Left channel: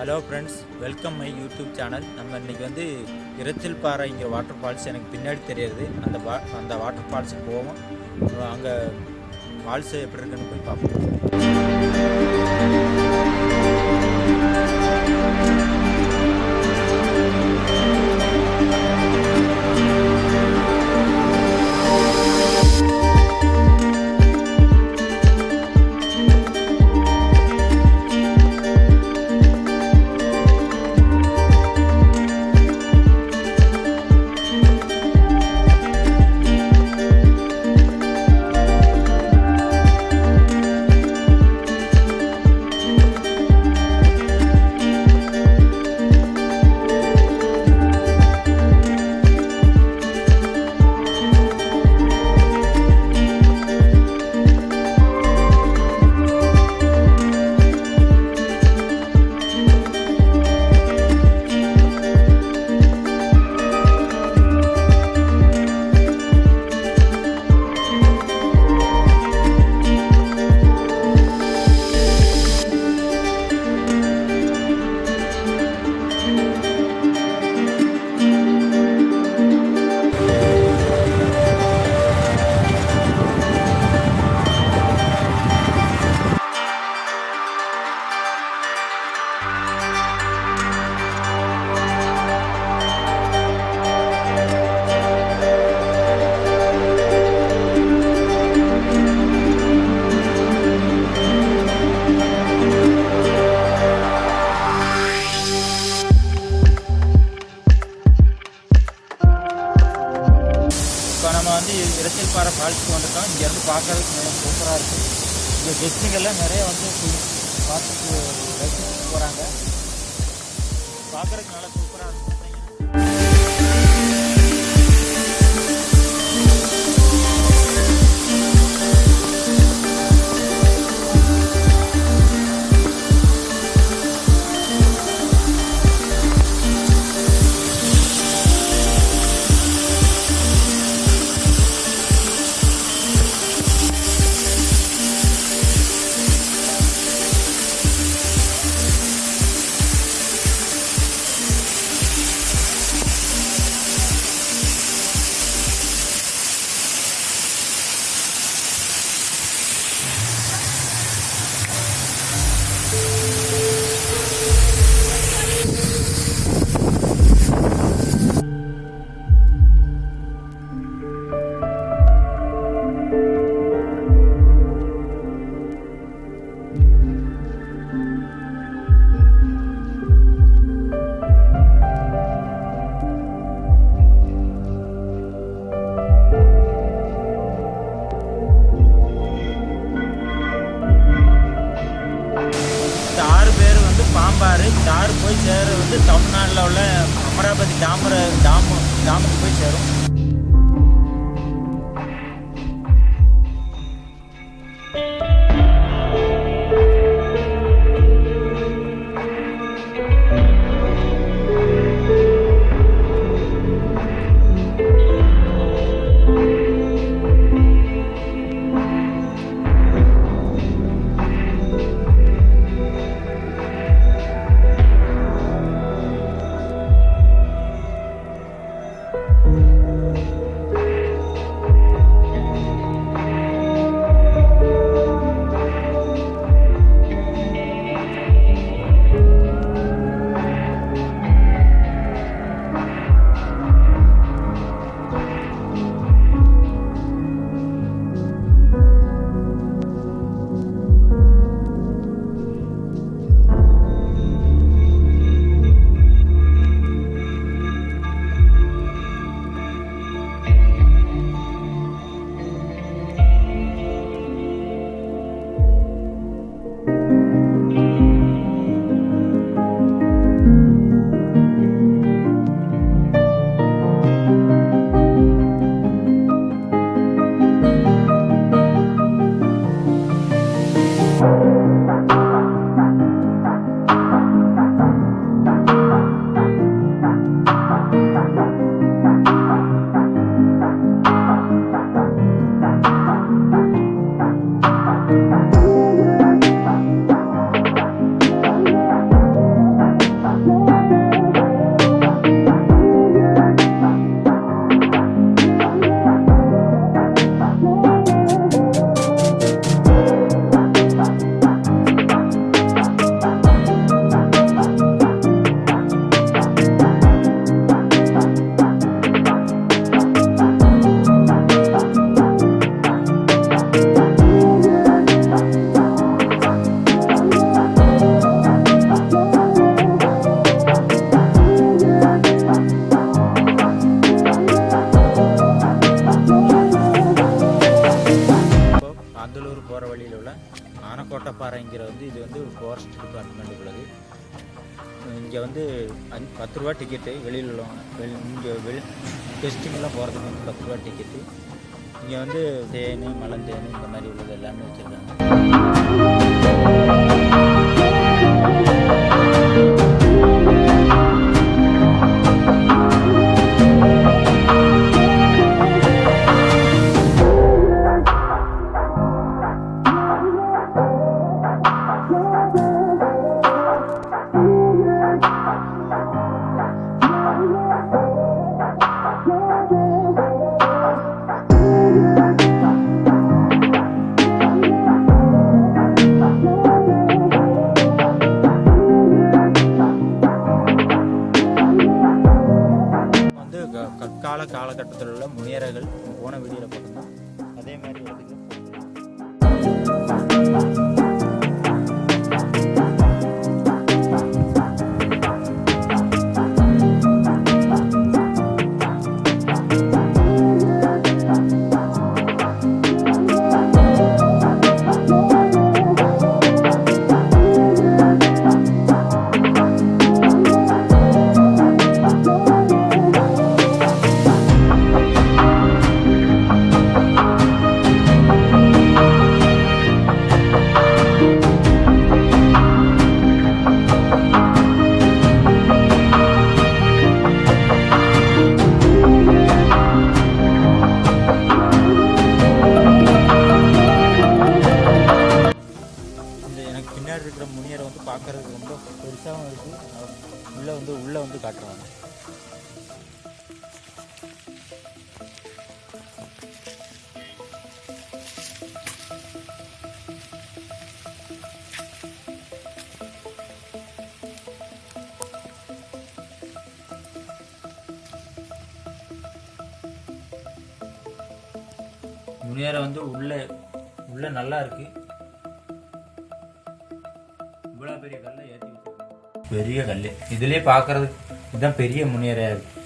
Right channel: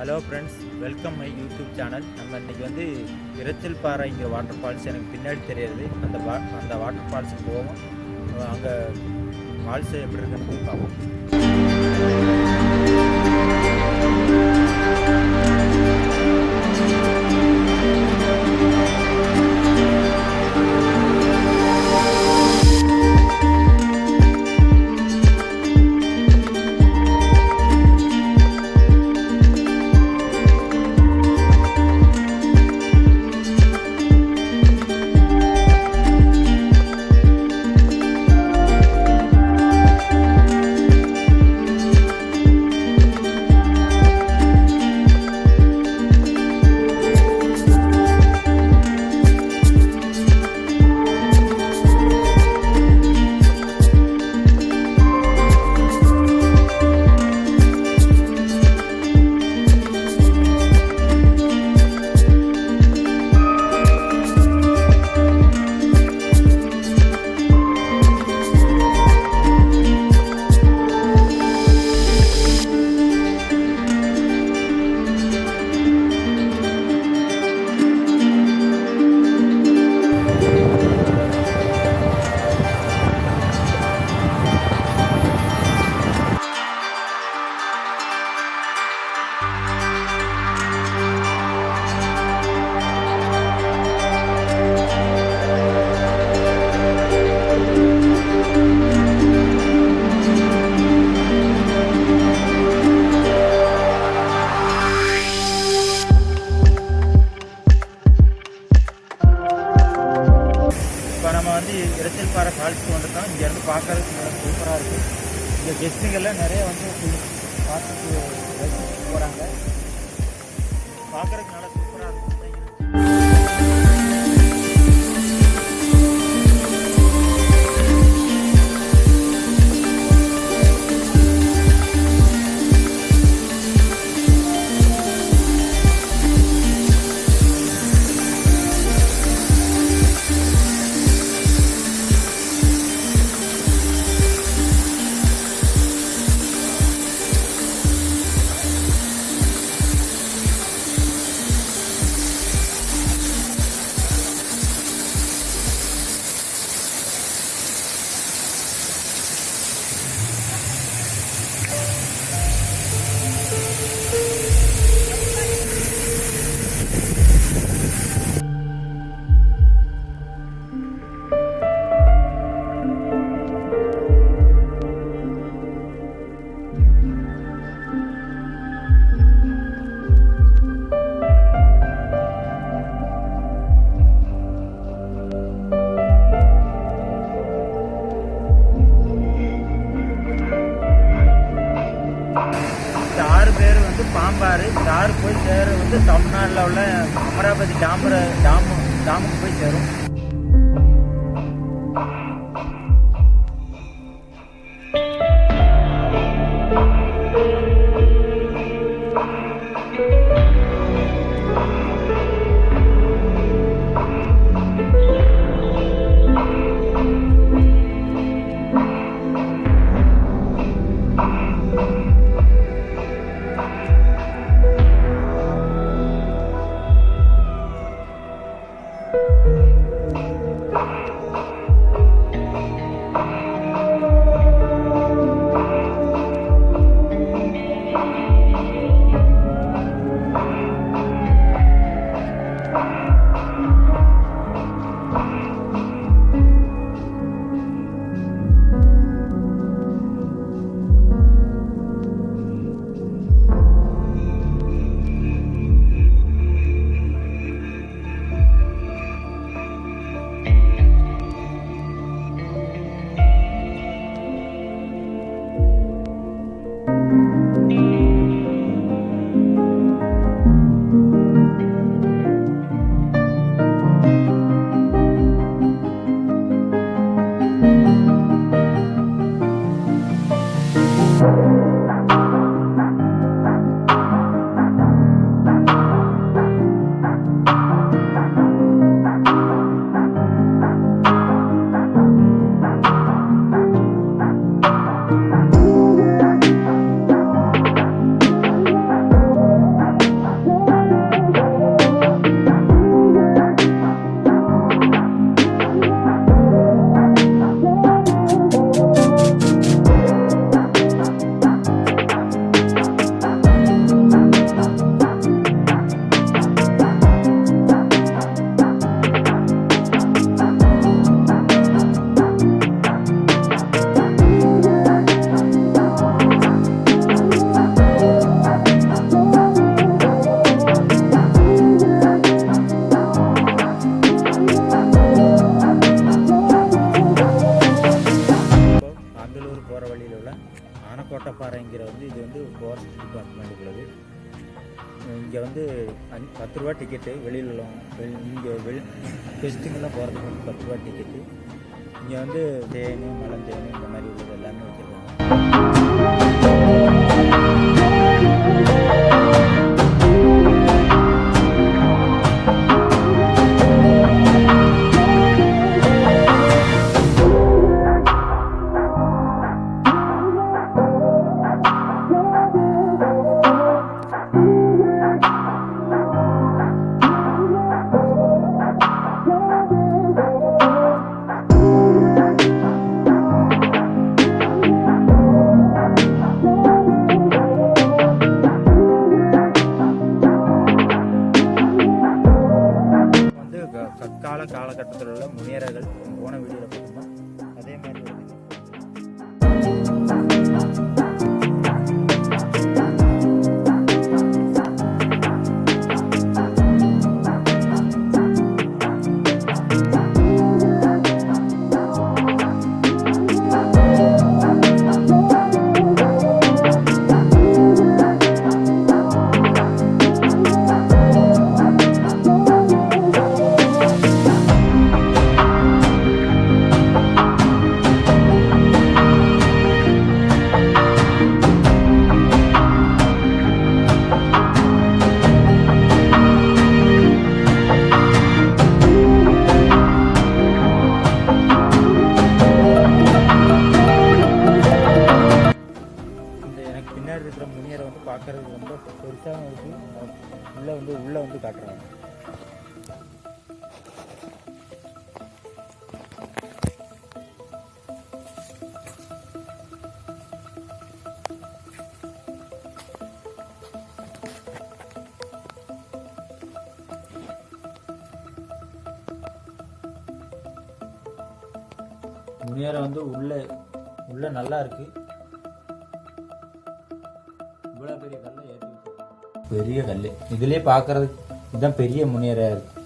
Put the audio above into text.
Hello friends, welcome my YouTube channel. நம்ம இன்றைக்கி வந்து இரச்சில் பாறைங்கிற வாட்டர் ஃபால்ஸ் எனக்கு பின்னாடி தெரியுது. அந்த வாட்டர் ஃபால்ஸுக்கு போவோம். அங்கே ஃபால்ஸு எப்படி இருக்குன்னு போய் பார்ப்போம். இப்போ நம்ம வந்து இரச்சில் பாறை ஃபால்ஸுக்கு வந்துட்டோம். இங்கேருந்து பார்க்கறதுக்கு நல்லா சூப்பராக இருக்குது. இங்கே கெஸ்ட்டுங்கெல்லாம் நிறைய வந்து பார்த்துட்டு ரசிச்சுட்டு போகிறாங்க. பார்க்குறதுக்கு நல்லா சூப்பராக இருக்கும். இந்த ஆறு பேர் வந்து பாம்பாறு. இந்த ஆறு போய் சேர வந்து தமிழ்நாட்டில் உள்ள அமராவதி டாமுக்கு போய் சேரும். கோட்டப்பாறைங்கிற இது வந்து ஃபாரஸ்ட் டிபார்ட்மெண்ட் உள்ளது. இங்கே வந்து 10 ரூபா டிக்கெட்டு. வெளியில் உள்ளவங்க இங்கே டெஸ்டிங்கெல்லாம் போகிறதுக்கு வந்து 10 ரூபா டிக்கெட்டு. இங்கே வந்து தேன், மலந்தேன் இந்த மாதிரி உள்ளது எல்லாமே வச்சுருக்காங்க. கற்கால காலகட்டத்தில் உள்ள முனியர்கள் போன வீடியோவில் பார்த்தோம்னா அதே மாதிரி இடத்துக்கு பின்னாடி இருக்கிற முனியரை வந்து பார்க்கறதுக்கு ரொம்ப பெருசாகவும் இருக்குது. உள்ளே வந்து காட்டுறாங்க. முனியரை வந்து உள்ள நல்லா இருக்கு. இவ்வளோ பெரிய கல்லை ஏற்றி வச்சிருக்காங்க. பெரிய கல் இதுலேயே பார்க்கறதுக்கு இதுதான் பெரிய முனியரையாக இருக்குது.